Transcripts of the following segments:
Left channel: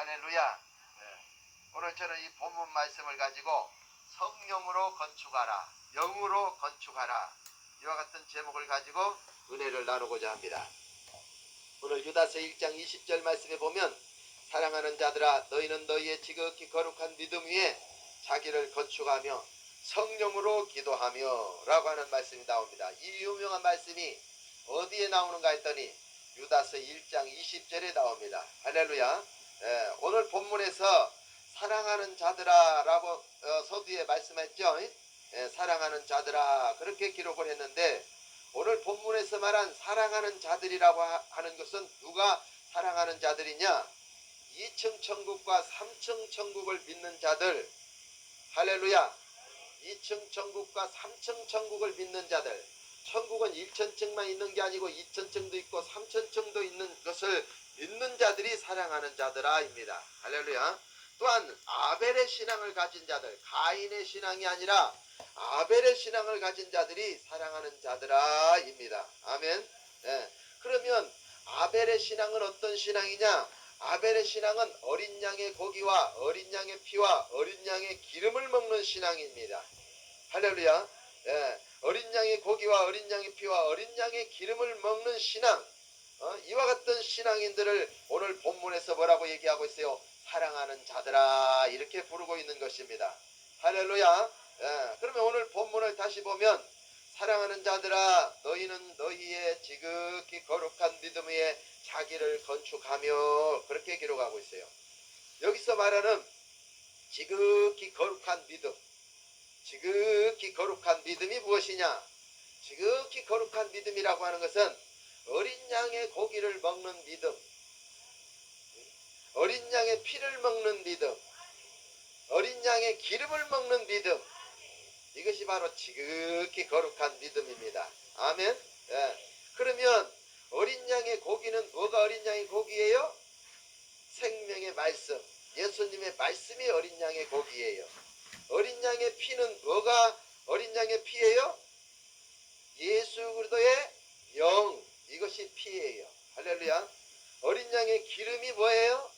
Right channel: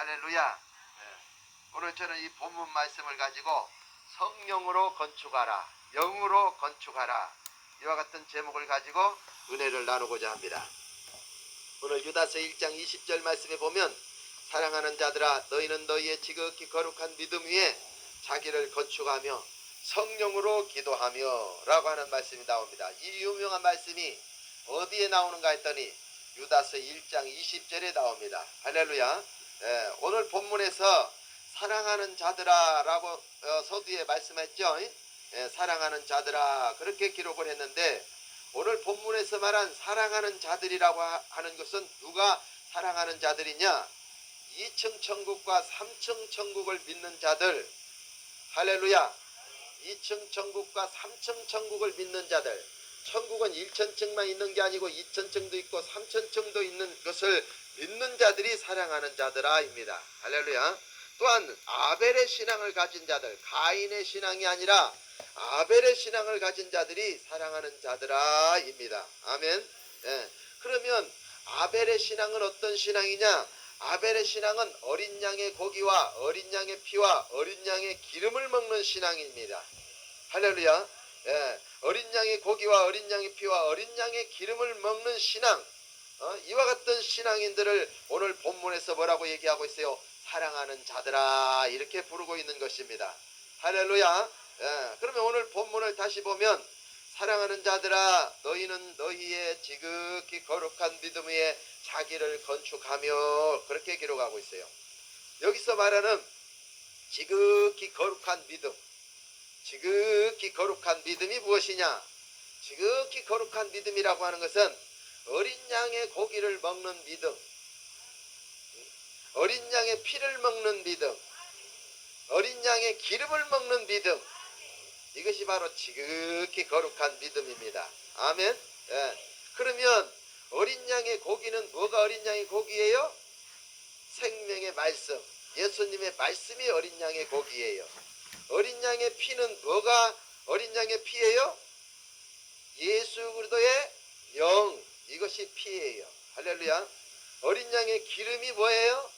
할렐루야. 네. 오늘 저는 이 본문 말씀을 가지고 성령으로 건축하라, 영으로 건축하라, 이와 같은 제목을 가지고 은혜를 나누고자 합니다. 오늘 유다서 1장 20절 말씀에 보면, 사랑하는 자들아 너희는 너희의 지극히 거룩한 믿음 위에 자기를 건축하며 성령으로 기도하며 라고 하는 말씀이 나옵니다. 이 유명한 말씀이 어디에 나오는가 했더니 유다서 1장 20절에 나옵니다. 할렐루야. 오늘 본문에서 사랑하는 자들아 라고 서두에 말씀했죠. 사랑하는 자들아 그렇게 기록을 했는데, 오늘 본문에서 말한 사랑하는 자들이라고 하는 것은 누가 사랑하는 자들이냐? 2층 천국과 3층 천국을 믿는 자들. 할렐루야. 2층 천국과 3층 천국을 믿는 자들. 천국은 1천층만 있는 게 아니고 2천층도 있고 3천층도 있는 것을 믿는 자들이 사랑하는 자들아입니다. 할렐루야. 또한 아벨의 신앙을 가진 자들, 가인의 신앙이 아니라 아벨의 신앙을 가진 자들이 사랑하는 자들아입니다. 아멘. 그러면 아벨의 신앙은 어떤 신앙이냐? 아벨의 신앙은 어린 양의 고기와 어린 양의 피와 어린 양의 기름을 먹는 신앙입니다. 할렐루야. 어린 양의 고기와 어린 양의 피와 어린 양의 기름을 먹는 신앙, 이와 같은 신앙인들을 오늘 본문에서 뭐라고 얘기하고 있어요? 사랑하는 자들아 이렇게 부르고 있는 것입니다. 할렐루야. 그러면 오늘 본문을 다시 보면, 사랑하는 자들아 너희는 너희의 지극히 거룩한 믿음 위에 자기를 건축하며 그렇게 기록하고 있어요. 여기서 말하는 지극히 거룩한 믿음, 지극히 거룩한 믿음이 무엇이냐? 지극히 거룩한 믿음이라고 하는 것은 어린 양의 고기를 먹는 믿음, 어린 양의 피를 먹는 믿음, 어린 양의 기름을 먹는 믿음, 이것이 바로 지극히 거룩한 믿음입니다. 아멘. 그러면 어린 양의 고기는 뭐가 어린 양의 고기예요? 생명의 말씀, 예수님의 말씀이 어린 양의 고기예요. 어린 양의 피는 뭐가 어린 양의 피예요? 예수 그리스도의 영, 이것이 피예요. 할렐루야. 어린 양의 기름이 뭐예요?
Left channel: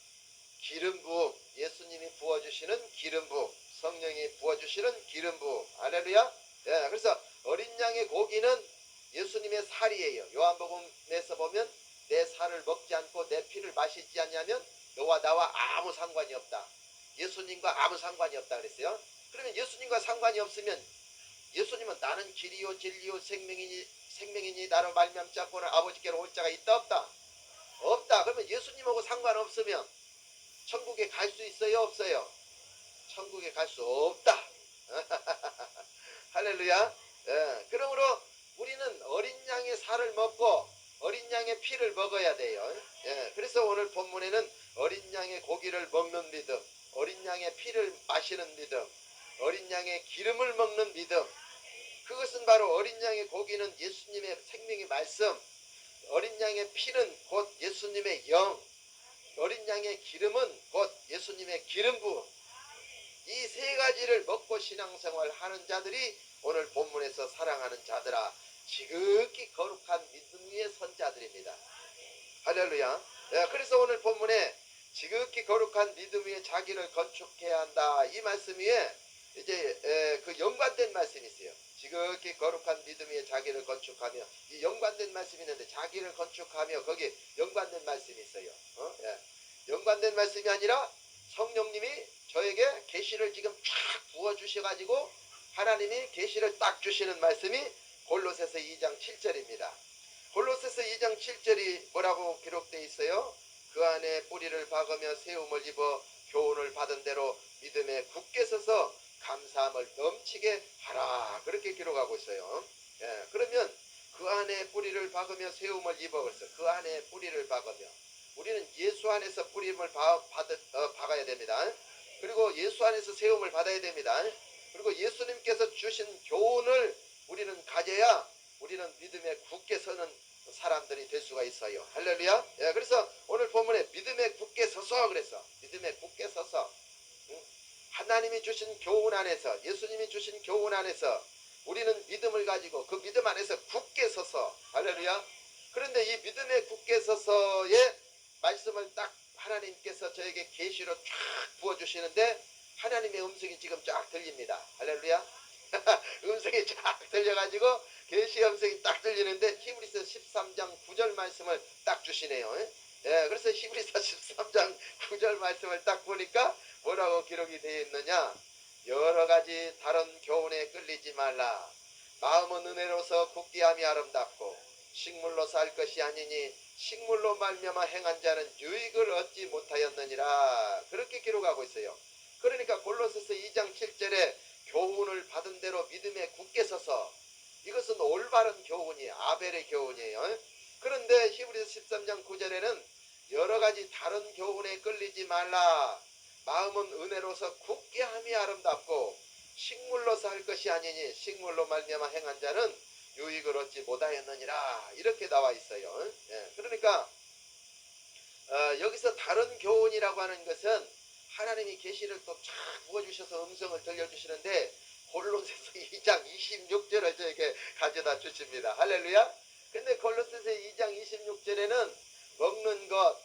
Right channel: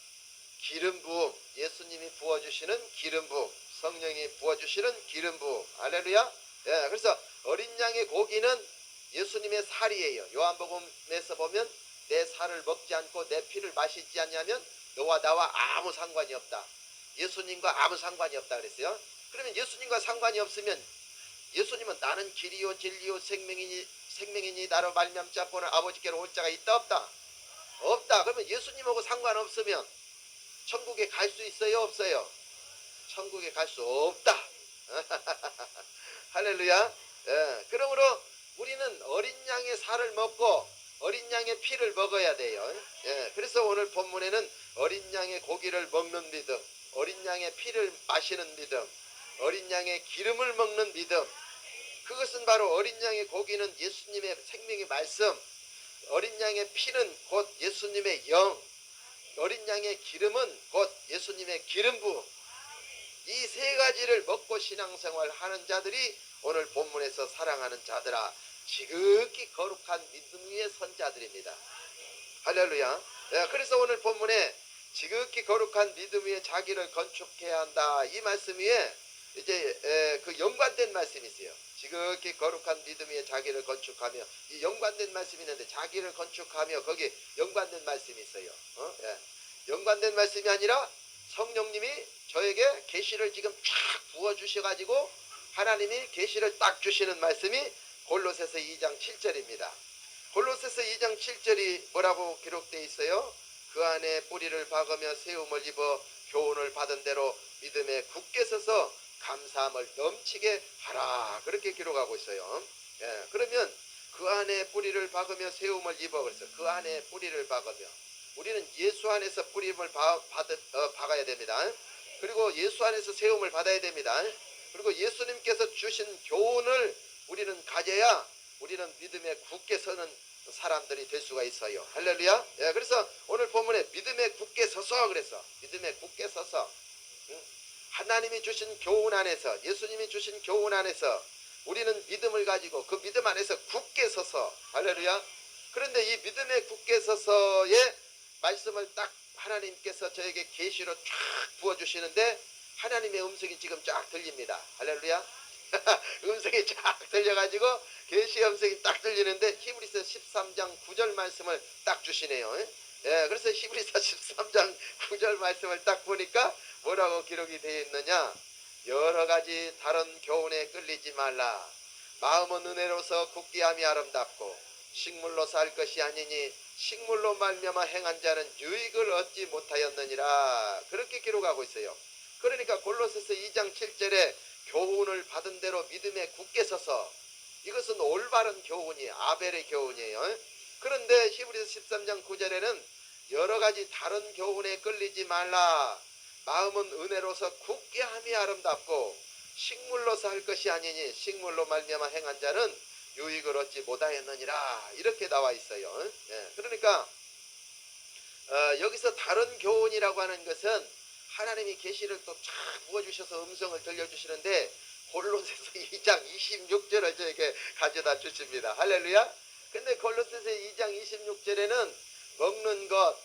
기름 부음, 예수님이 부어주시는 기름 부음, 성령이 부어주시는 기름 부음. 할렐루야. 그래서 어린 양의 고기는 예수님의 살이에요. 요한복음에서 보면 내 살을 먹지 않고 내 피를 마시지 않냐면 너와 나와 아무 상관이 없다. 예수님과 아무 상관이 없다 그랬어요. 그러면 예수님과 상관이 없으면, 예수님은 나는 길이요 진리요 생명이니 나로 말미암지 않고는 아버지께로 올 자가 있다 없다? 없다. 그러면 예수님하고 상관없으면 천국에 갈 수 있어요 없어요? 천국에 갈 수 없다. 할렐루야. 그러므로 우리는 어린 양의 살을 먹고 어린 양의 피를 먹어야 돼요. 그래서 오늘 본문에는 어린 양의 고기를 먹는 믿음, 어린 양의 피를 마시는 믿음, 어린 양의 기름을 먹는 믿음, 그것은 바로 어린 양의 고기는 예수님의 생명의 말씀, 어린 양의 피는 곧 예수님의 영, 어린 양의 기름은 곧 예수님의 기름 부음, 이 세 가지를 먹고 신앙생활 하는 자들이 오늘 본문에서 사랑하는 자들아 지극히 거룩한 믿음 위에 선 자들입니다. 할렐루야. 그래서 오늘 본문에 지극히 거룩한 믿음 위에 자기를 건축해야 한다, 이 말씀 위에 이제 그 연관된 말씀이 있어요. 지극히 거룩한 믿음 위에 자기를 건축하며, 이 연관된 말씀이 있는데 자기를 건축하며 거기에 연관된 말씀이 있어요. 연관된 말씀이 아니라 성령님이 저에게 계시를 지금 쫙 부어주셔가지고 하나님이 계시를 딱 주시는 말씀이 골로새서 2장 7절입니다. 골로새서 2장 7절이 뭐라고 기록되어 있어요? 그 안에 뿌리를 박으며 세움을 입어 교훈을 받은 대로 믿음에 굳게 서서 감사함을 넘치게 하라, 그렇게 기록하고 있어요. 그러면 그 안에 뿌리를 박으며 세움을 입어, 그래서 그 안에 뿌리를 박으며, 우리는 예수 안에서 뿌림을 박아야 됩니다. 그리고 예수 안에서 세움을 받아야 됩니다. 그리고 예수님께서 주신 교훈을 우리는 가져야 우리는 믿음에 굳게 서는 사람들이 될 수가 있어요. 할렐루야. 그래서 오늘 본문에 믿음에 굳게 서서, 그래서 믿음에 굳게 서서 하나님이 주신 교훈 안에서, 예수님이 주신 교훈 안에서 우리는 믿음을 가지고 그 믿음 안에서 굳게 서서, 할렐루야. 그런데 이 믿음에 굳게 서서의 말씀을 딱 하나님께서 저에게 계시 계시로 쫙 부어주시는데 하나님의 음성이 지금 쫙 들립니다. 할렐루야. 음성이 쫙 들려가지고 계시의 음성이 딱 들리는데 히브리서 13장 9절 말씀을 딱 주시네요. 예, 그래서 히브리서 13장 9절 말씀을 딱 보니까 뭐라고 기록이 되어 있느냐. 여러 가지 다른 교훈에 끌리지 말라. 마음은 은혜로서 굳게 함이 아름답고 식물로 살 것이 아니니 식물로 말미암아 행한 자는 유익을 얻지 못하였느니라. 그렇게 기록하고 있어요. 그러니까 골로새서 2장 7절에 교훈을 받은 대로 믿음에 굳게 서서, 이것은 올바른 교훈이에요. 아벨의 교훈이에요. 그런데 히브리서 13장 9절에는 여러 가지 다른 교훈에 끌리지 말라. 마음은 은혜로서 굳게 함이 아름답고 식물로서 할 것이 아니니 식물로 말미암아 행한 자는 유익을 얻지 못하였느니라. 이렇게 나와 있어요. 예, 그러니까 여기서 다른 교훈이라고 하는 것은 하나님이 계시를 또 쫙 부어주셔서 음성을 들려주시는데 골로새서 2장 26절을 저에게 가져다 주십니다. 할렐루야. 근데 골로새서 2장 26절에는 먹는 것,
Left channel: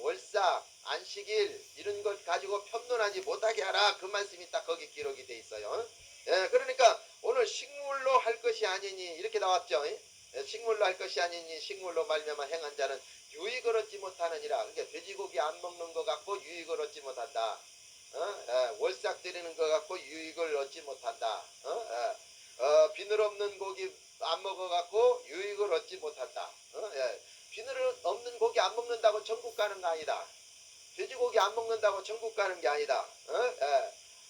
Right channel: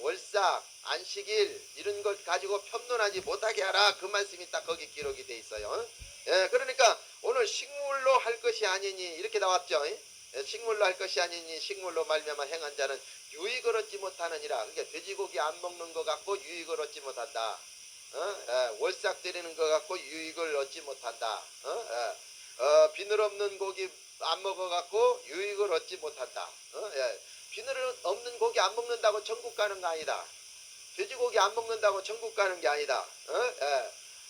월삭, 안식일 이런 것 가지고 편론하지 못하게 하라. 그 말씀이 딱 거기 기록이 돼 있어요. 예, 그러니까 오늘 식물로 할 것이 아니니 이렇게 나왔죠. 예, 식물로 할 것이 아니니 식물로 말미암아 행한 자는 유익을 얻지 못하느니라. 그러니까 돼지고기 안 먹는 것 같고 유익을 얻지 못한다. 월삭 드리는 것 같고 유익을 얻지 못한다. 비늘 없는 고기 안 먹어 갖고 유익을 얻지 못한다. 비늘 없는 고기 안 먹는다고 천국 가는 거 아니다. 돼지고기 안 먹는다고 천국 가는 게 아니다.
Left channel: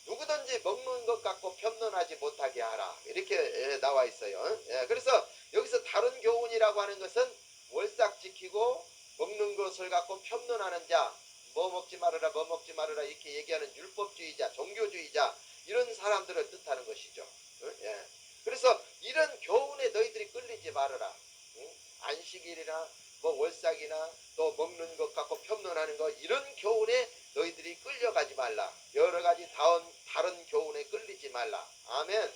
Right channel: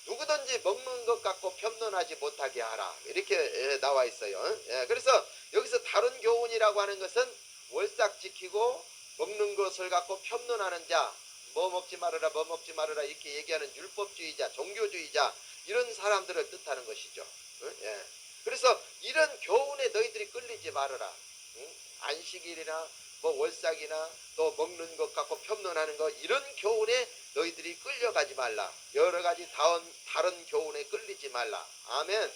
누구든지 먹는 것 갖고 편론하지 못하게 하라. 이렇게 나와 있어요. 그래서 여기서 다른 교훈이라고 하는 것은 월삭 지키고 먹는 것을 갖고 편론하는 자, 뭐 먹지 말아라 뭐 먹지 말아라 이렇게 얘기하는 율법주의자, 종교주의자, 이런 사람들을 뜻하는 것이죠. 그래서 이런 교훈에 너희들이 끌리지 말아라. 안식일이나 뭐 월삭이나 또 먹는 것 갖고 편론하는 것, 이런 교훈에 너희들이 끌려가지 말라. 여러 가지 다른 교훈에 끌리지 말라. 아멘.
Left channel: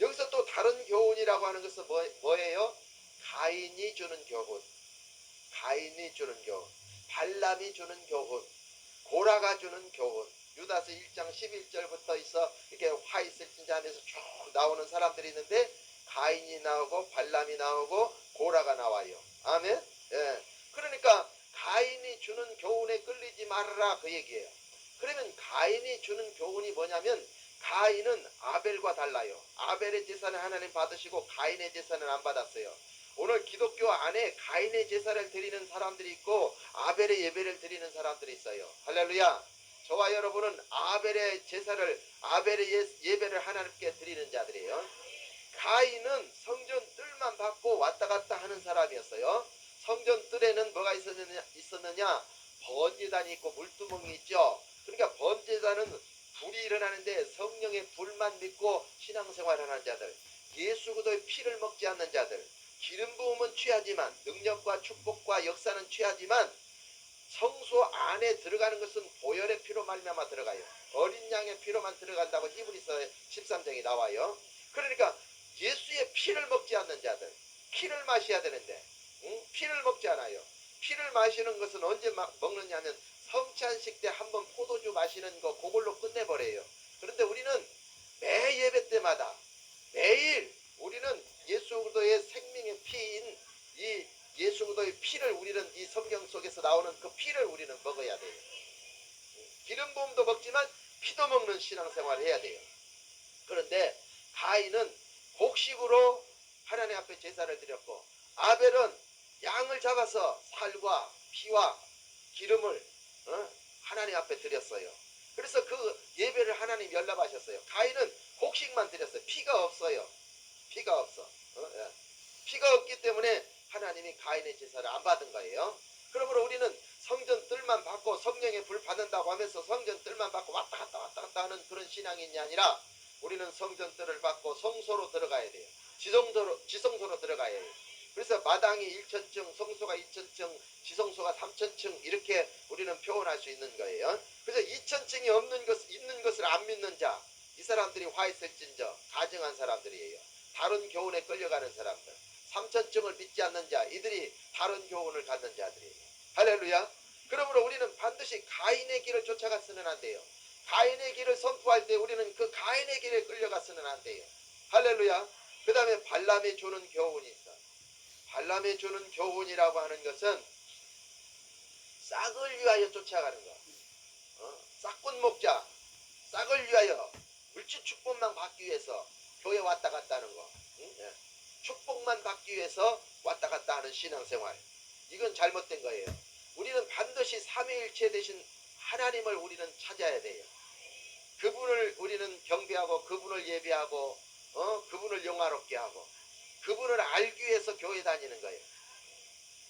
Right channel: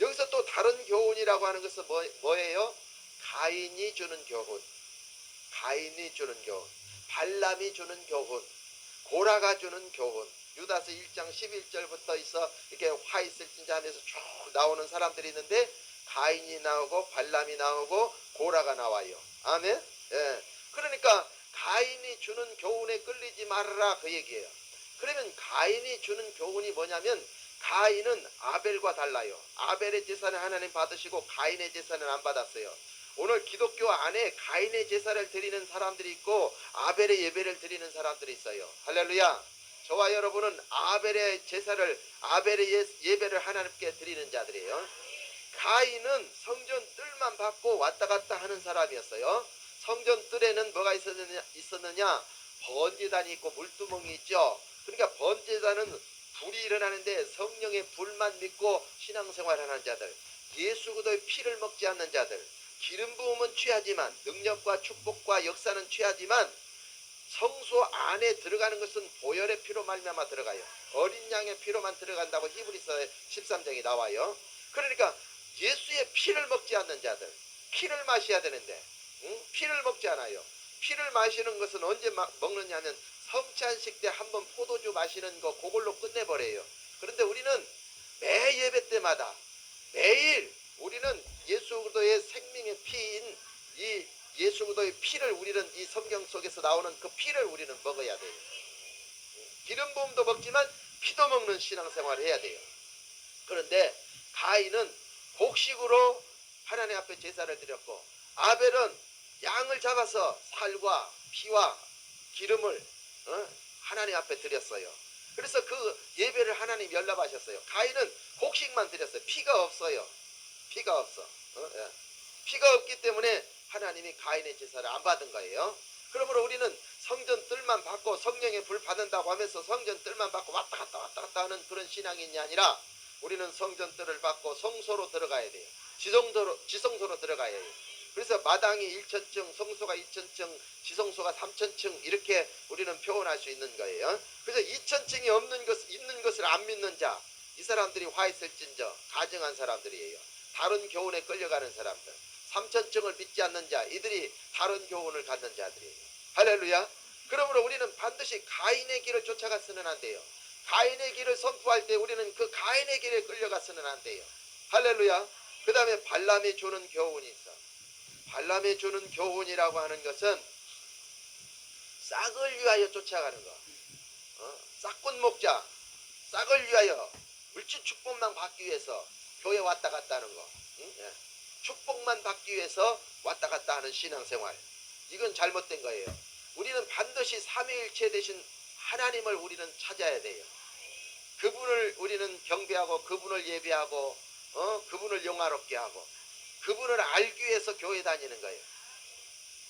여기서 또 다른 교훈이라고 하는 것은 뭐예요? 가인이 주는 교훈, 가인이 주는 교훈, 발람이 주는 교훈, 고라가 주는 교훈. 유다서 1장 11절부터 있어 이렇게 화 있을 진자 하면서 쭉 나오는 사람들이 있는데 가인이 나오고 발람이 나오고 고라가 나와요. 아멘. 그러니까 가인이 주는 교훈에 끌리지 말아라, 그 얘기예요. 그러면 가인이 주는 교훈이 뭐냐면, 가인은 아벨과 달라요. 아벨의 제사는 하나님 받으시고 가인의 제사는 안 받았어요. 오늘 기독교 안에 가인의 제사를 드리는 사람들이 있고 아벨의 예배를 드리는 사람들이 있어요. 할렐루야. 저와 여러분은 아벨의 제사를, 아벨의 예배를 하나님께 드리는 자들이에요. 가인은 성전 뜰만 받고 왔다 갔다 하는 사람이었어요. 성전 뜰에는 뭐가 있었느냐? 번제단이 있고 물두멍이 있죠. 그러니까 번제단은 불이 일어나는데 성령의 불만 믿고 신앙생활하는 자들, 예수 그리스도의 피를 먹지 않는 자들, 기름 부음은 취하지만, 능력과 축복과 역사는 취하지만 성소 안에 들어가는 것은 보혈의 피로 말미암아 들어가요. 어린 양의 피로만 들어간다고 히브리서 13장에 나와요. 그러니까 예수의 피를 먹지 않는 자들, 피를 마셔야 되는데 피를 먹지 않아요. 피를 마시는 것은 언제 먹느냐면 성찬식 때 한번 포도주 마시는 거, 그걸로 끝내버려요. 그런데 우리는 매 예배 때마다 매일 우리는 예수 그리스도의 생명의 피인 이 예수 그리스도의 피를, 우리는 이 성경 속에서 나오는 그 피를 우리는 먹어야 돼요. 기름 부음도 먹지만 피도 먹는 신앙생활을 해야 돼요. 그런데 가인은 곡식으로 하나님 앞에 제사를 드렸고, 아벨은 양을 잡아서 살과 피와 기름을 하나님 앞에 드렸어요. 그래서 그 예배를 하나님 연락하셨어요. 가인은 곡식만 드렸어요. 피가 없어요. 피가 없어. 피가 없기 때문에 하나님이 가인의 제사를 안 받은 거예요. 그러므로 우리는 성전 뜰만 받고 성령의 불 받는다고 하면서 성전 뜰만 받고 왔다 갔다 하는 그런 신앙인이 아니라, 우리는 성전 뜰을 받고 성소로 들어가야 돼요. 지성소로 들어가야 돼요. 그래서 마당이 1,000층, 성소가 2,000층, 지성소가 3,000층, 이렇게 우리는 표현할 수 있는 거예요. 그래서 2,000층이 있는 것을 안 믿는 자, 이 사람들이 화 있을진저 가증한 사람들이에요. 다른 교훈에 끌려가는 사람들. 3,000층을 믿지 않는 자, 이들이 다른 교훈을 갖는 자들이에요. 할렐루야. 그러므로 우리는 반드시 가인의 길을 쫓아가서는 안 돼요. 가인의 길을 선포할 때 우리는 그 가인의 길에 끌려가서는 안 돼요. 할렐루야. 그 다음에 발람이 주는 교훈이 있어. 발람이 주는 교훈이라고 하는 것은 싹을 위하여 쫓아가는 거. 싹꾼 목자, 싹을 위하여 물질 축복만 받기 위해서 교회 왔다 갔다 하는 거. 예. 축복만 받기 위해서 왔다 갔다 하는 신앙생활. 이건 잘못된 거예요. 우리는 반드시 삼위일체 되신 하나님을 우리는 찾아야 돼요. 그분을 우리는 경배하고 그분을 예배하고 그분을 영화롭게 하고 그분을 알기 위해서 교회 다니는 거예요.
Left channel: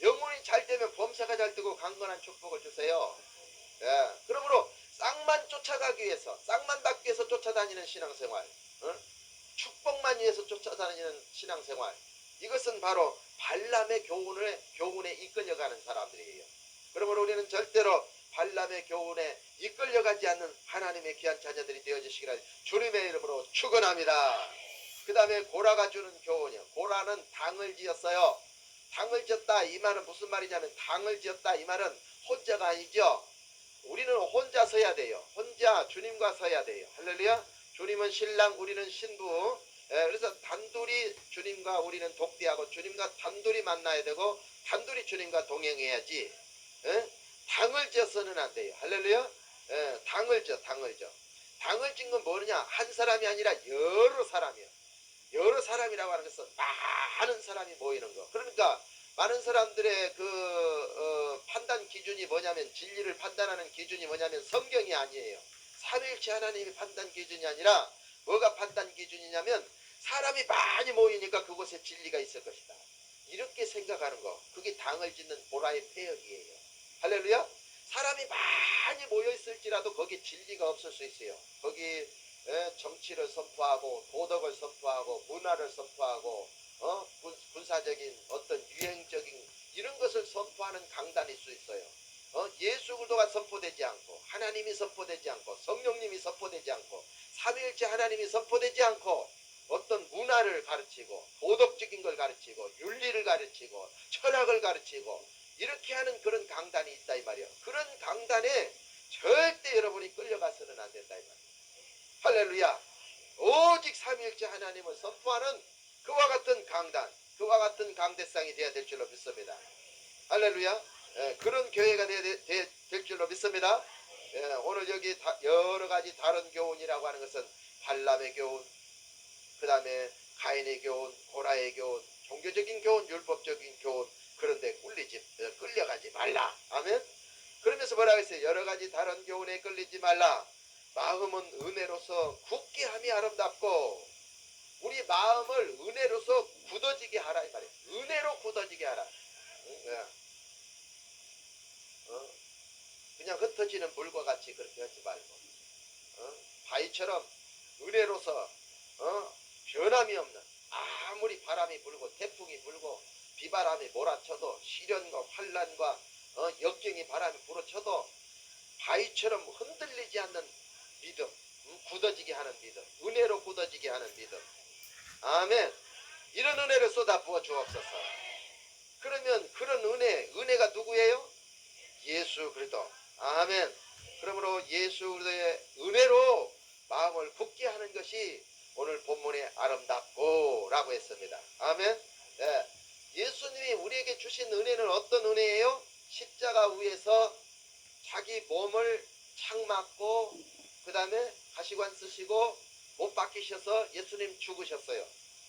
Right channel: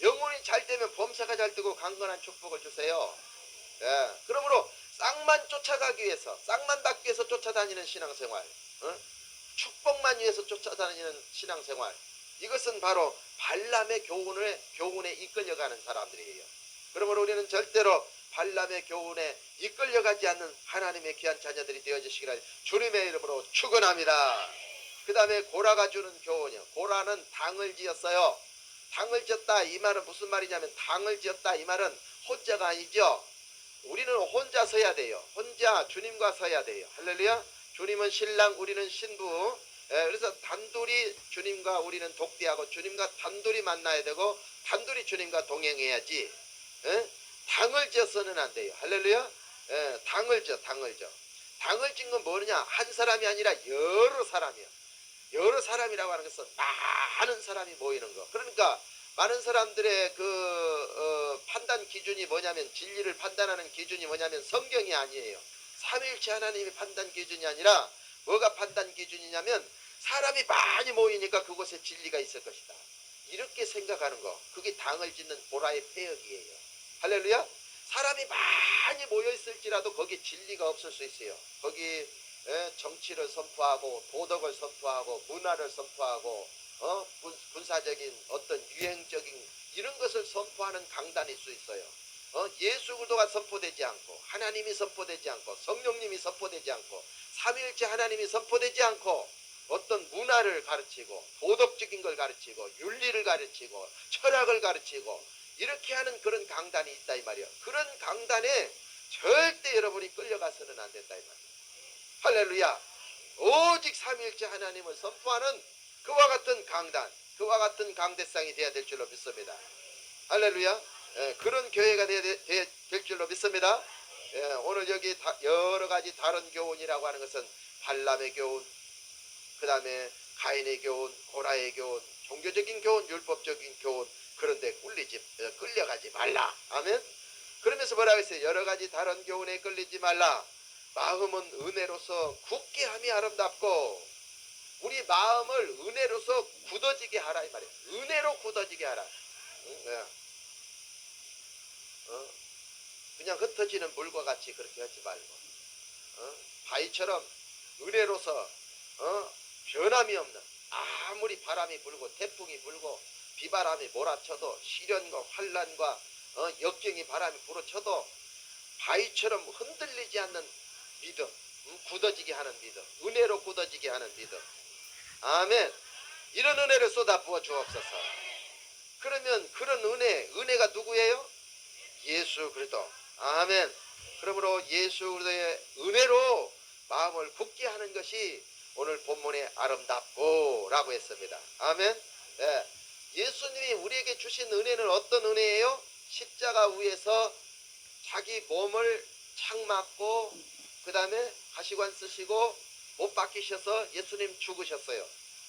영혼이 잘 되면 범사가 잘 되고 강건한 축복을 주세요. 예. 그러므로 싹만 쫓아가기 위해서, 싹만 받기 위해서 쫓아다니는 신앙생활, 축복만 위해서 쫓아다니는 신앙생활, 이것은 바로 발람의 교훈에 이끌려가는 사람들이에요. 그러므로 우리는 절대로 발람의 교훈에 이끌려가지 않는 하나님의 귀한 자녀들이 되어주시기를 주님의 이름으로 축원합니다. 그 다음에 고라가 주는 교훈이요. 고라는 당을 지었어요. 당을 지었다 이 말은 무슨 말이냐면, 당을 지었다 이 말은 혼자가 아니죠. 우리는 혼자 서야 돼요. 혼자 주님과 서야 돼요. 할렐루야. 주님은 신랑, 우리는 신부. 그래서 단둘이 주님과 우리는 독대하고 주님과 단둘이 만나야 되고 단둘이 주님과 동행해야지. 당을 지어서는 안 돼요. 할렐루야. 당을 지어. 당을 짓는 건 뭐냐? 한 사람이 아니라 여러 사람이야. 여러 사람이라고 하는 것은 많은 사람이 모이는 거. 그러니까 많은 사람들의 판단 기준이 뭐냐면, 진리를 판단하는 기준이 뭐냐면 성경이 아니에요. 삼위일체 하나님이 판단 기준이 아니라 뭐가 판단 기준이냐면, 사람이 많이 모이니까 그곳에 진리가 있을 것이다. 이렇게 생각하는 거. 그게 당을 짓는 고라의 폐역이에요. 할렐루야. 사람이 많이 모여있을지라도 거기 진리가 없을 수 있어요. 거기 정치를 선포하고 도덕을 선포하고 문화를 선포하고 군사적인 어떤 유행적인 이런 것을 선포하는 강단일 수 있어요. 예수 그리스도가 선포되지 않고 하나님이 선포되지 않고 성령님이 선포되지 않고 삼위일체 하나님이 선포되지 않고 어떤 문화를 가르치고 도덕적인 걸 가르치고 윤리를 가르치고 철학을 가르치고 이렇게 하는 그런 강단이 있다 이 말이에요. 그런 강단에 절대 여러분이 끌려가서는 안 된다 이 말이에요. 할렐루야. 오직 삼위일체 하나님을 선포하는 그와 같은 강단, 그와 같은 강대상이 되어야 될 줄로 믿습니다. 할렐루야. 그런 교회가 될 줄로 믿습니다. 오늘 여기 여러 가지 다른 교훈이라고 하는 것은 발람의 교훈, 그 다음에 가인의 교훈, 고라의 교훈, 종교적인 교훈, 율법적인 교훈, 그런데 끌려가지 말라. 아멘. 그러면서 뭐라고 했어요? 여러 가지 다른 교훈에 끌리지 말라. 마음은 은혜로서 굳게 함이 아름답고, 우리 마음을 은혜로서 굳어지게 하라 이 말이에요. 은혜로 굳어지게 하라. 그냥 흩어지는 물과 같이 그렇게 하지 말고, 바위처럼 은혜로서 변함이 없는, 아무리 바람이 불고 태풍이 불고 비바람이 몰아쳐도 시련과 환난과 역경이 바람이 불어쳐도 바위처럼 흔들리지 않는 믿음, 굳어지게 하는 믿음, 은혜로 굳어지게 하는 믿음. 아멘. 이런 은혜를 쏟아 부어 주옵소서. 그러면 그런 은혜가 누구예요? 예수 그리스도. 아멘. 그러므로 예수 그리스도의 은혜로 마음을 굳게 하는 것이 오늘 본문에 아름답고 라고 했습니다. 아멘. 네. 예수님이 우리에게 주신 은혜는 어떤 은혜예요? 십자가 위에서 자기 몸을 창 맞고 그 다음에 가시관 쓰시고 못 박히셔서 예수님 죽으셨어요.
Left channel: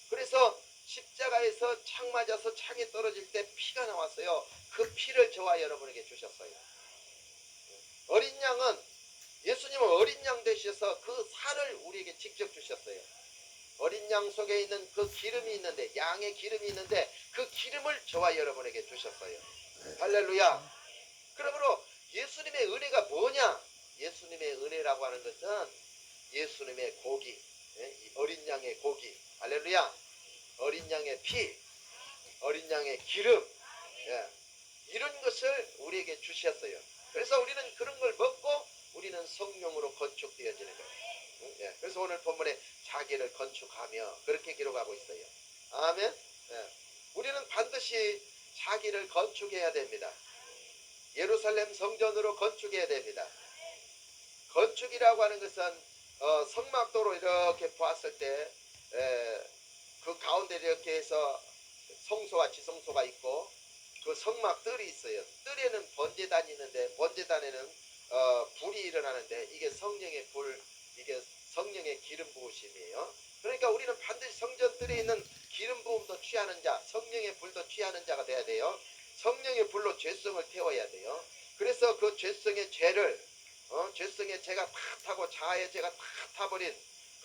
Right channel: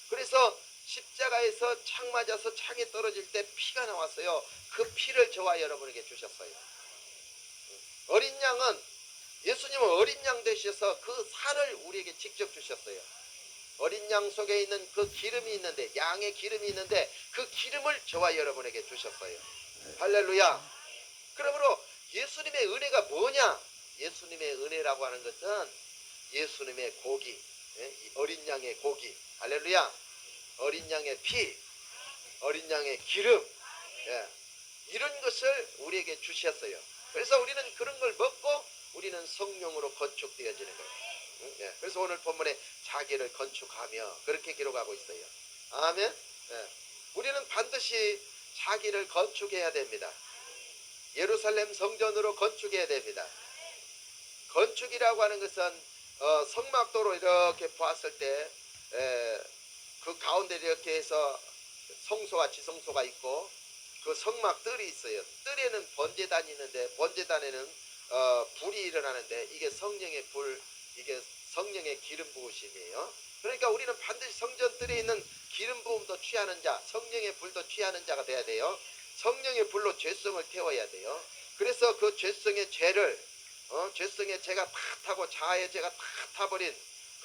그래서 십자가에서 창 맞아서 창이 떨어질 때 피가 나왔어요. 그 피를 저와 여러분에게 주셨어요. 어린 양은, 예수님은 어린 양 되셔서 그 살을 우리에게 직접 주셨어요. 어린 양 속에 있는 그 기름이 있는데, 양의 기름이 있는데 그 기름을 저와 여러분에게 주셨어요. 할렐루야. 그러므로 예수님의 은혜가 뭐냐? 예수님의 은혜라고 하는 것은 예수님의 고기, 어린 양의 고기, 할렐루야. 어린 양의 피, 어린 양의 기름, 이런 것을 우리에게 주셨어요. 그래서 우리는 그런 걸 먹고 우리는 성령으로 건축되어지는 거예요. 그래서 오늘 본문에 자기를 건축하며 그렇게 기록하고 있어요. 아멘. 우리는 반드시 자기를 건축해야 됩니다. 예루살렘 성전으로 건축해야 됩니다. 건축이라고 하는 것은 성막도로 이렇게 보았을 때 그 가운데 이렇게 해서 성소와 지성소가 있고 그 성막들이 있어요. 뜰에는 번제단이 있는데 번제단에는 불이 일어나는데 이게 성령의 불, 이게 성령의 기름 부으심이에요. 그러니까 우리는 반드시 성전뜰에 있는 기름 부음도 취하는 자, 성령의 불도 취하는 자가 돼야 돼요. 성령의 불로 죄성을 태워야 돼요. 그래서 그 죄성의 죄를 죄성의 죄가 다 타고 자아의 죄가 다 타버린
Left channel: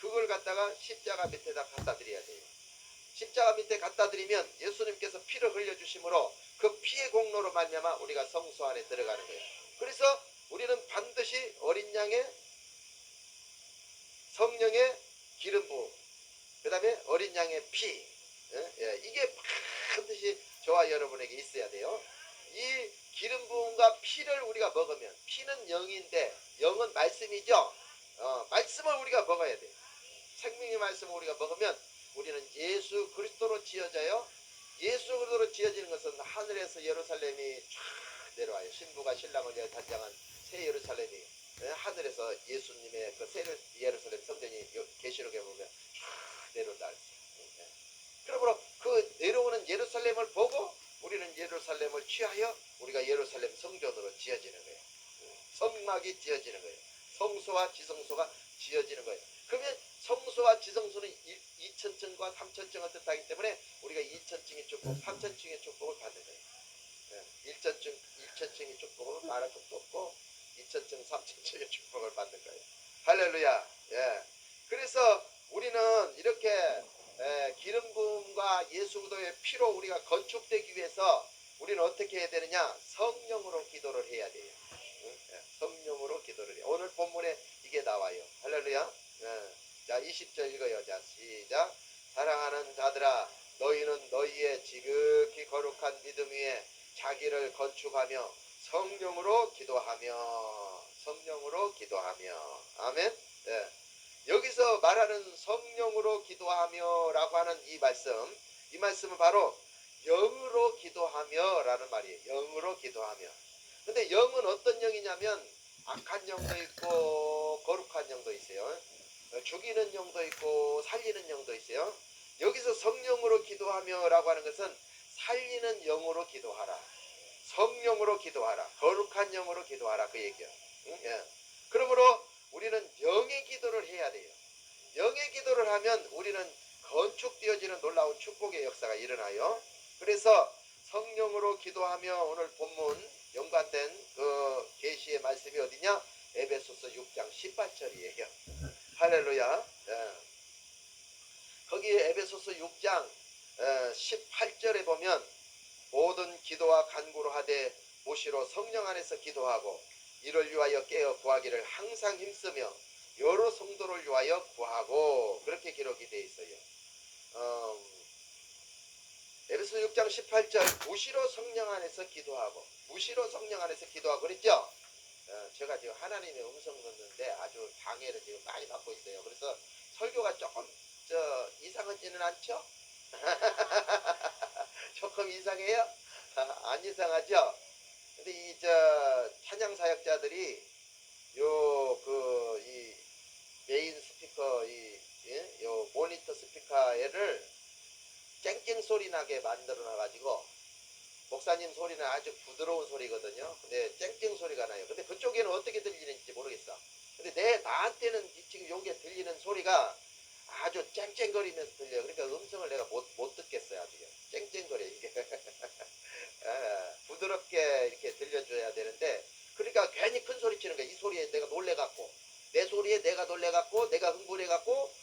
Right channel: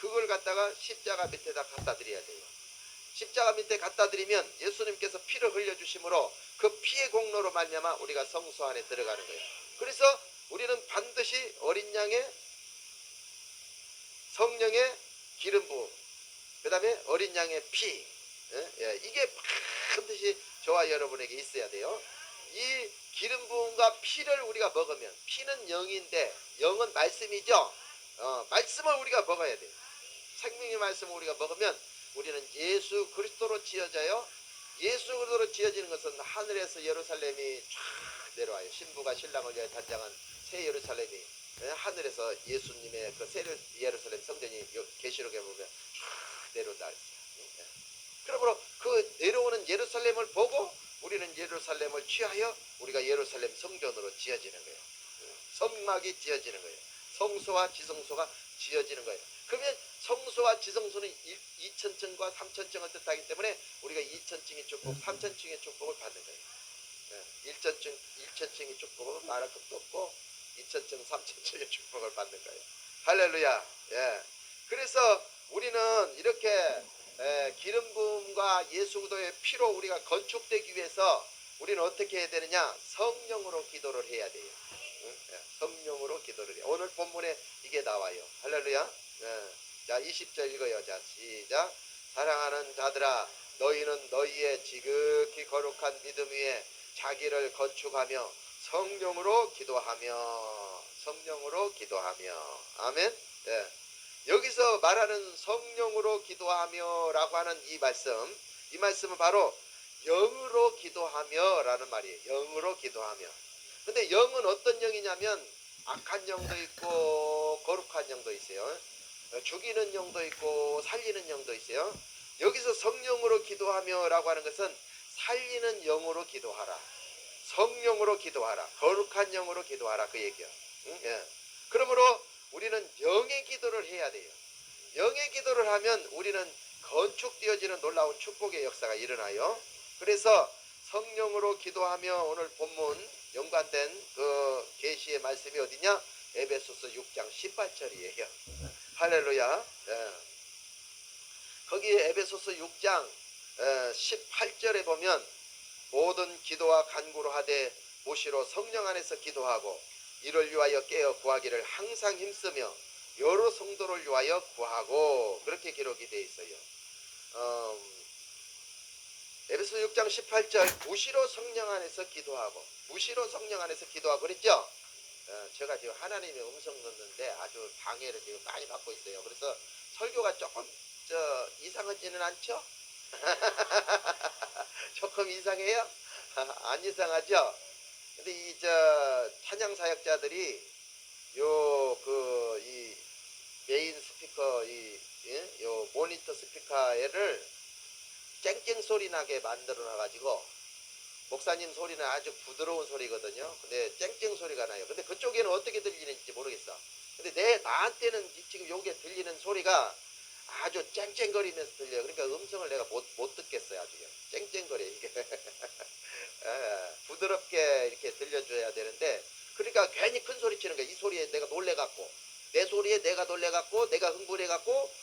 그걸 갖다가 십자가 밑에다 갖다 드려야 돼요. 십자가 밑에 갖다 드리면 예수님께서 피를 흘려주심으로 그 피의 공로로 말미암아 우리가 성소 안에 들어가는 거예요. 그래서 우리는 반드시 어린 양의 성령의 기름 부음, 그 다음에 어린 양의 피, 이게 반드시 저와 여러분에게 있어야 돼요. 이 기름 부음과 피를 우리가 먹으면, 피는 영인데 영은 말씀이죠. 말씀을 우리가 먹어야 돼요. 생명의 말씀을 우리가 먹으면 우리는 예수 그리스도로 지어져요. 예수 그리스도로 지어지는 것은 하늘에서 예루살렘이 쫙 내려와요. 신부가 신랑을 위해 단장한 새 예루살렘이 하늘에서 예수님의 그 새 예루살렘 성전이 계시록에 보면 쫙 내려온다. 그러므로 그 내려오는 예루살렘을 보고 우리는 예루살렘을 취하여 우리가 예루살렘 성전으로 지어지는 거예요. 성막이 지어지는 거예요. 성소와 지성소가 지어지는 거예요. 그러면 성소와 지성소는 2000층과 3000층을 뜻하기 때문에 우리가 2000층의 축복, 3000층의 축복을 받는 거예요. 1000층의 축복은 말할 것도 없고 2000층, 3000층의 축복을 받는 거예요. 할렐루야. 예. 그래서 우리는 이렇게 기름 부음과 예수 그리스도의 피로 우리가 건축되기 위해서 우리는 어떻게 해야 되느냐? 성령으로 기도를 해야 돼요. 성령으로 기도를 해요. 오늘 본문에 이게 나와요. 할렐루야. 자, 20절 읽어요. 자, 시작. 사랑하는 자들아, 너희는 너희의 지극히 거룩한 믿음 위에 자기를 건축하며 성령으로 기도하며 아멘. 여기서 말하는 성령으로 기도하며 라고 하는 이 말씀은 바로 영으로 기도하며 라는 말이에요. 영으로 기도하며. 근데 영은 어떤 영이냐면 악한 영도 있고 거룩한 영도 있어요. 죽이는 영도 있고 살리는 영도 있어요. 여기서 성령으로 기도하며 라고 하는 것은 살리는 영으로 기도하라, 성령으로 기도하라, 거룩한 영으로 기도하라, 그 얘기야. 그러므로 우리는 영의 기도를 해야 돼요. 영의 기도를 하면 우리는 건축되어지는 놀라운 축복의 역사가 일어나요. 그래서 성령으로 기도하며 오늘 본문 연관된 그 계시의 말씀이 어디냐? 에베소서 6장 18절이에요. 할렐루야. 거기 에베소서 6장 18절에 보면 모든 기도와 간구로 하되 무시로 성령 안에서 기도하고 이를 위하여 깨어 구하기를 항상 힘쓰며 여러 성도를 위하여 구하고, 그렇게 기록이 되어 있어요. 에베소 6장 18절 무시로 성령 안에서 기도하고, 무시로 성령 안에서 기도하고 그랬죠. 제가 지금 하나님의 음성 듣는데 아주 방해를 지금 많이 받고 있어요. 그래서 설교가 조금 이상하지는 않죠? 조금 이상해요? 안 이상하죠? 근데 이 찬양 사역자들이 이 메인 스피커 요 모니터 스피커를 쨍쨍 소리 나게 만들어 놔 가지고, 목사님 소리는 아주 부드러운 소리거든요. 근데 쨍쨍 소리가 나요. 근데 그쪽에는 어떻게 들리는지 모르겠어. 근데 나한테는 지금 요게 들리는 소리가 아주 쨍쨍거리면서 들려요. 그러니까 음성을 내가 못 듣겠어요. 아주 쨍쨍거려 이게. 부드럽게 이렇게 들려줘야 되는데, 그러니까 괜히 큰 소리 치는 거야. 이 소리에 내가 놀래갖고, 내 소리에 내가 놀래갖고, 내가 흥분해갖고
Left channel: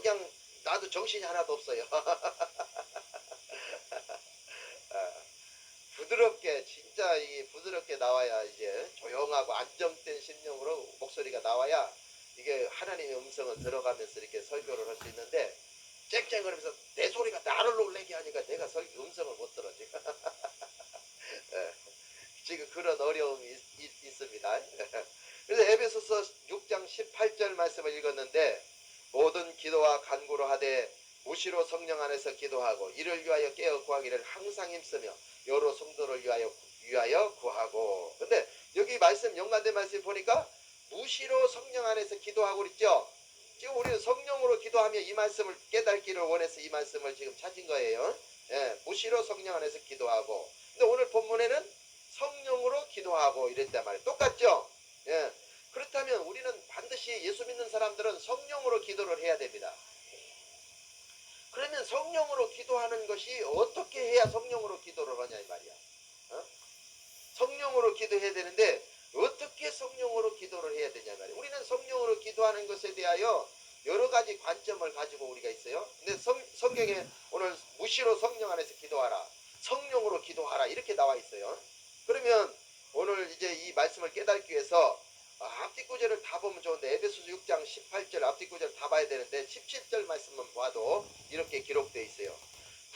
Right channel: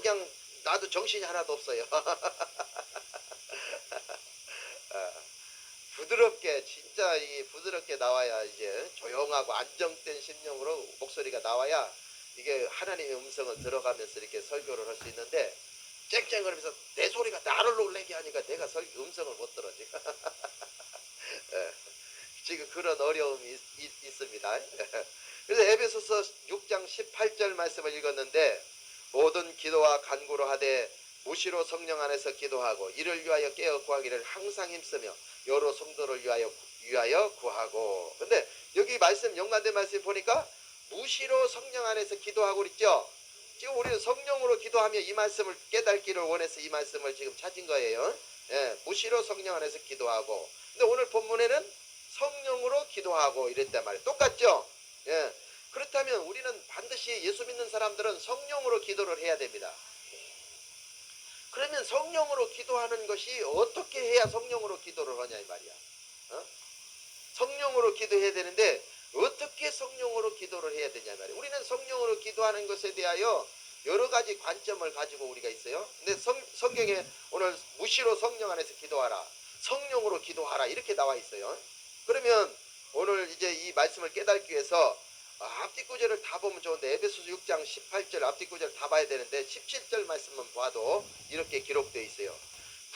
그냥 나도 정신이 하나도 없어요. 부드럽게, 진짜 부드럽게 나와야, 이제 조용하고 안정된 심령으로 목소리가 나와야 이게 하나님의 음성을 들어가면서 이렇게 설교를 할 수 있는데, 쨍쨍거리면서 내 소리가 나를 놀래게 하니까 내가 음성을 못 들어 지금. 지금 그런 어려움이 있습니다. 그래서 에베소서 6장 18절 말씀을 읽었는데, 모든 기도와 간구로 하되 무시로 성령 안에서 기도하고 이를 위하여 깨어 구하기를 항상 힘쓰며 여러 성도를 위하여 구하고. 근데 여기 말씀 연관된 말씀 보니까 무시로 성령 안에서 기도하고 그랬죠. 지금 우리는 성령으로 기도하며 이 말씀을 깨닫기를 원해서 이 말씀을 지금 찾은 거예요. 예, 무시로 성령 안에서 기도하고. 근데 오늘 본문에는 성령으로 기도하고 이랬단 말이에요. 똑같죠? 예. 그렇다면 우리는 반드시 예수 믿는 사람들은 성령으로 기도를 해야 됩니다. 그러면 성령으로 기도하는 것이 어떻게 해야 성령으로 기도를 하냐 이 말이야. 어? 성령으로 기도해야 되는데 어떻게 성령으로 기도를 해야 되냐 이 말이야. 우리는 성령으로 기도하는 것에 대하여 여러 가지 관점을 가지고 우리가 있어요. 근데 성경에 오늘 무시로 성령 안에서 기도하라, 성령으로 기도하라 이렇게 나와 있어요. 그러면 오늘 이제 이 말씀을 깨닫기 위해서 앞뒤 구절을 다 보면 좋은데 에베소서 6장 18절 앞뒤 구절 다 봐야 되는데 17절 말씀만 봐도 이렇게 기록되어 있어요.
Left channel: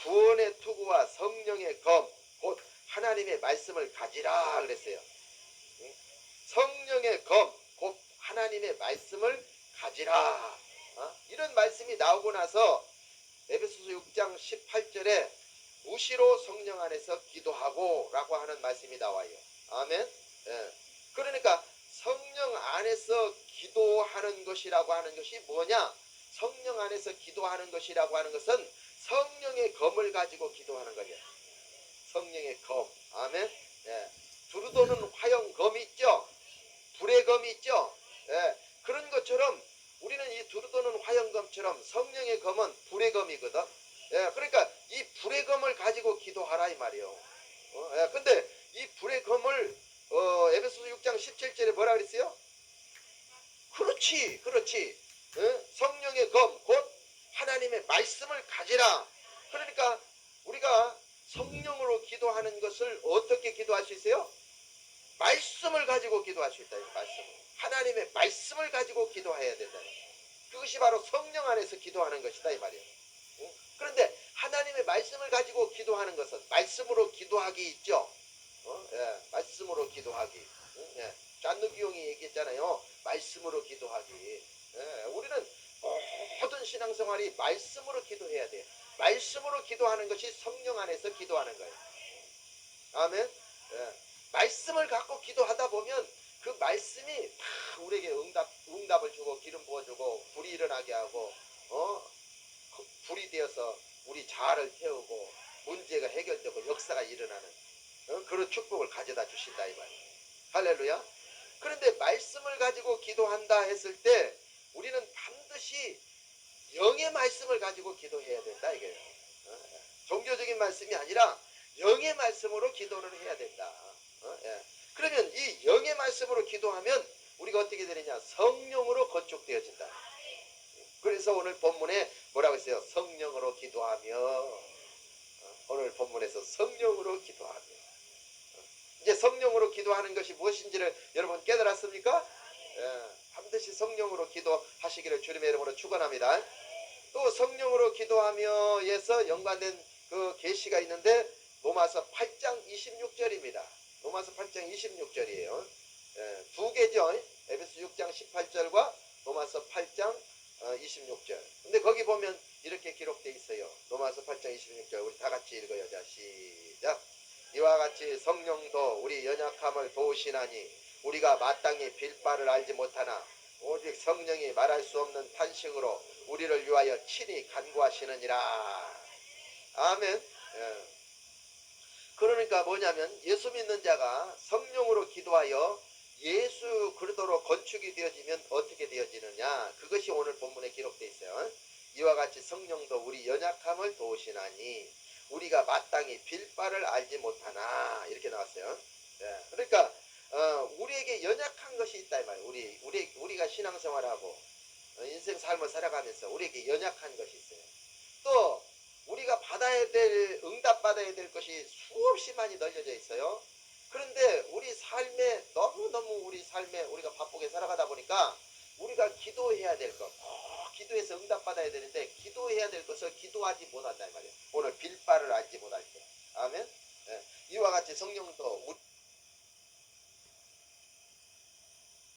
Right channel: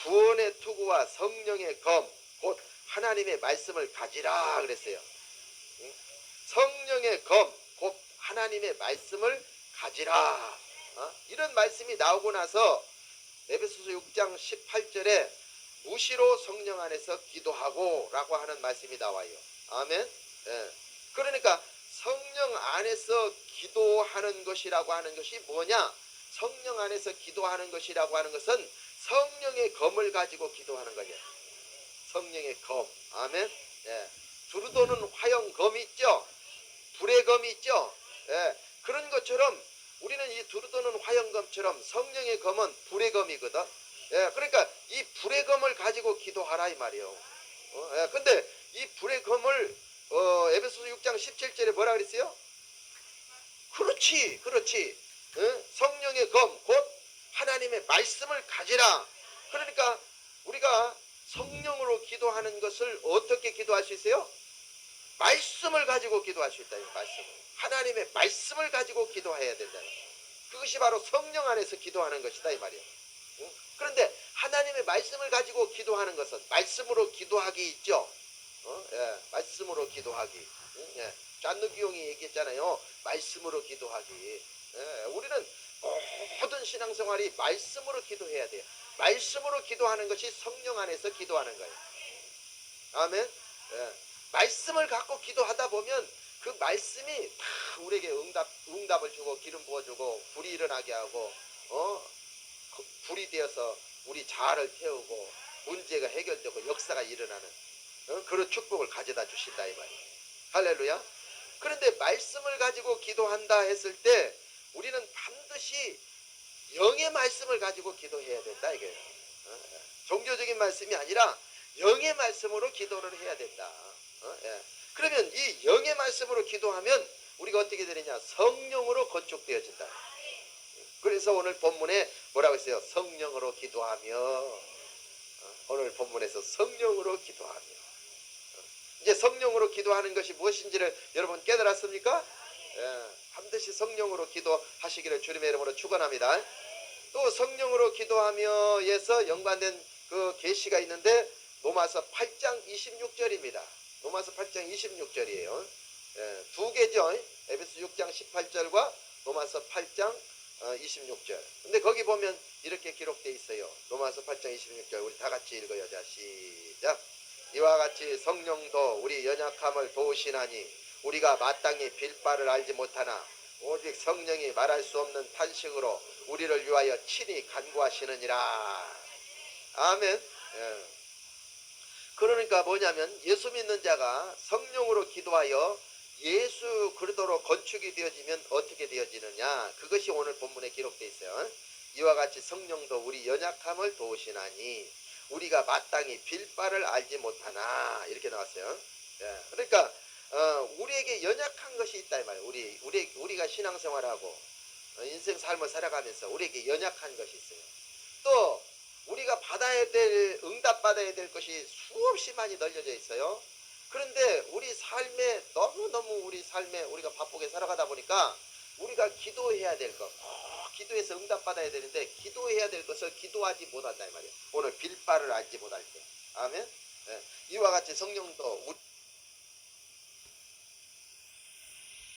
구원의 투구와 성령의 검 곧 하나님의 말씀을 가지라 그랬어요. 성령의 검 곧 하나님의 말씀을 가지라. 이런 말씀이 나오고 나서 에베소서 6장 18절에 무시로 성령 안에서 기도하고 라고 하는 말씀이 나와요. 아멘. 예. 그러니까 성령 안에서 기도하는 것이라고 하는 것이 뭐냐? 성령 안에서 기도하는 것이라고 하는 것은 성령의 검을 가지고 기도하는 거죠. 성령의 검. 아멘. 예. 두루도는 화형검이 있죠. 불의 검이 있죠. 예. 그런 것처럼 우리는 이 두루도는 화형검처럼 성령의 검은 불의 검이거든. 예. 그러니까 이 불의 검을 가지고 기도하라 이 말이에요. 예. 근데 이 불의 검을 에베소서 6장 17절에 뭐라 그랬어요? 그렇지. 성령의 검 곧 하나님의 말씀을 가지라. 그러니까 우리가 성령으로 기도하는 것을 어떻게 기도할 수 있어요? 말씀을 가지고 기도할 수 있다. 말씀을. 하나님의 말씀을 가지고 기도해야 된다. 그것이 바로 성령 안에서 기도하는 것이다 이 말이에요. 그런데 하나님의 말씀을 가지고 기도하는 것은 말씀으로 기도하기 있죠. 예, 말씀으로 기도하기. 예, 잔누비용이 얘기했잖아요. 말씀으로 기도하기. 예, 우리는 모든 신앙생활이 말씀으로 기도해야 돼요. 말씀으로 기도하는 것이 성령 안에서 기도하는 거예요. 아멘. 예, 말씀을 갖고 기도하다 보면 그 말씀이 다 우리에게 응답을 주고 기름 부어주고 불이 일어나게 하고 불이 되어서 우리 자아를 태우고 문제가 해결되고 역사가 일어나는 그런 축복을 가져다 주신다 이 말이에요. 할렐루야. 그런데 말씀을 가지고 기도한다 했을 때 우리는 반드시 영의 말씀을 가지고 기도해야 된다 이거예요. 종교적인 말씀이 아니라 영의 말씀으로 기도를 해야 된다. 그러면 이 영의 말씀으로 기도하면 우리가 어떻게 되느냐? 성령으로 건축되어진다. 그래서 오늘 본문에 뭐라고 했어요? 성령으로 기도하며. 오늘 본문에서 성령으로 기도하며. 이제 성령으로 기도하는 것이 무엇인지를 여러분 깨달았습니까? 반드시 성령으로 기도하시기를 주님의 이름으로 축원합니다. 또 성령으로 기도하며에서 연관된 그 계시가 있는데 로마서 8장 26절입니다. 로마서 8장 26절이에요. 두 개죠. 에베소 6장 18절과 로마서 8장 26절. 근데 거기 보면 이렇게 기록되어 있어요. 로마서 8장 26절 우리 다 같이 읽어요. 자, 시작. 이와 같이 성령도 우리 연약함을 도우시나니 우리가 마땅히 빌 바를 알지 못하나 오직 성령이 말할 수 없는 탄식으로 우리를 위하여 친히 간구하시느니라. 아멘. 그러니까 뭐냐면 예수 믿는 자가 성령으로 기도하여 예수 그리스도로 건축이 되어지면 어떻게 되어지느냐. 그것이 오늘 본문에 기록되어 있어요. 이와 같이 성령도 우리 연약함을 도우시나니 우리가 마땅히 빌 바를 알지 못하나 이렇게 나왔어요. 그러니까 우리에게 연약한 것이 있다 이 말이에요. 우리가 신앙생활하고 인생 삶을 살아가면서 우리에게 연약한 것이 있어요. 또 우리가 받아야 될 응답 받아야 될 것이 수없이 많이 널려져 있어요. 그런데 우리 삶에 너무너무 우리 삶에 우리가 바쁘게 살아가다 보니까 우리가 기도해야 될 것, 기도해서 응답 받아야 되는데 기도해야 될 것을 기도하지 못한다 이 말이에요. 오늘 빌 바를 알지 못할 때. 아멘. 이와 같이 성령도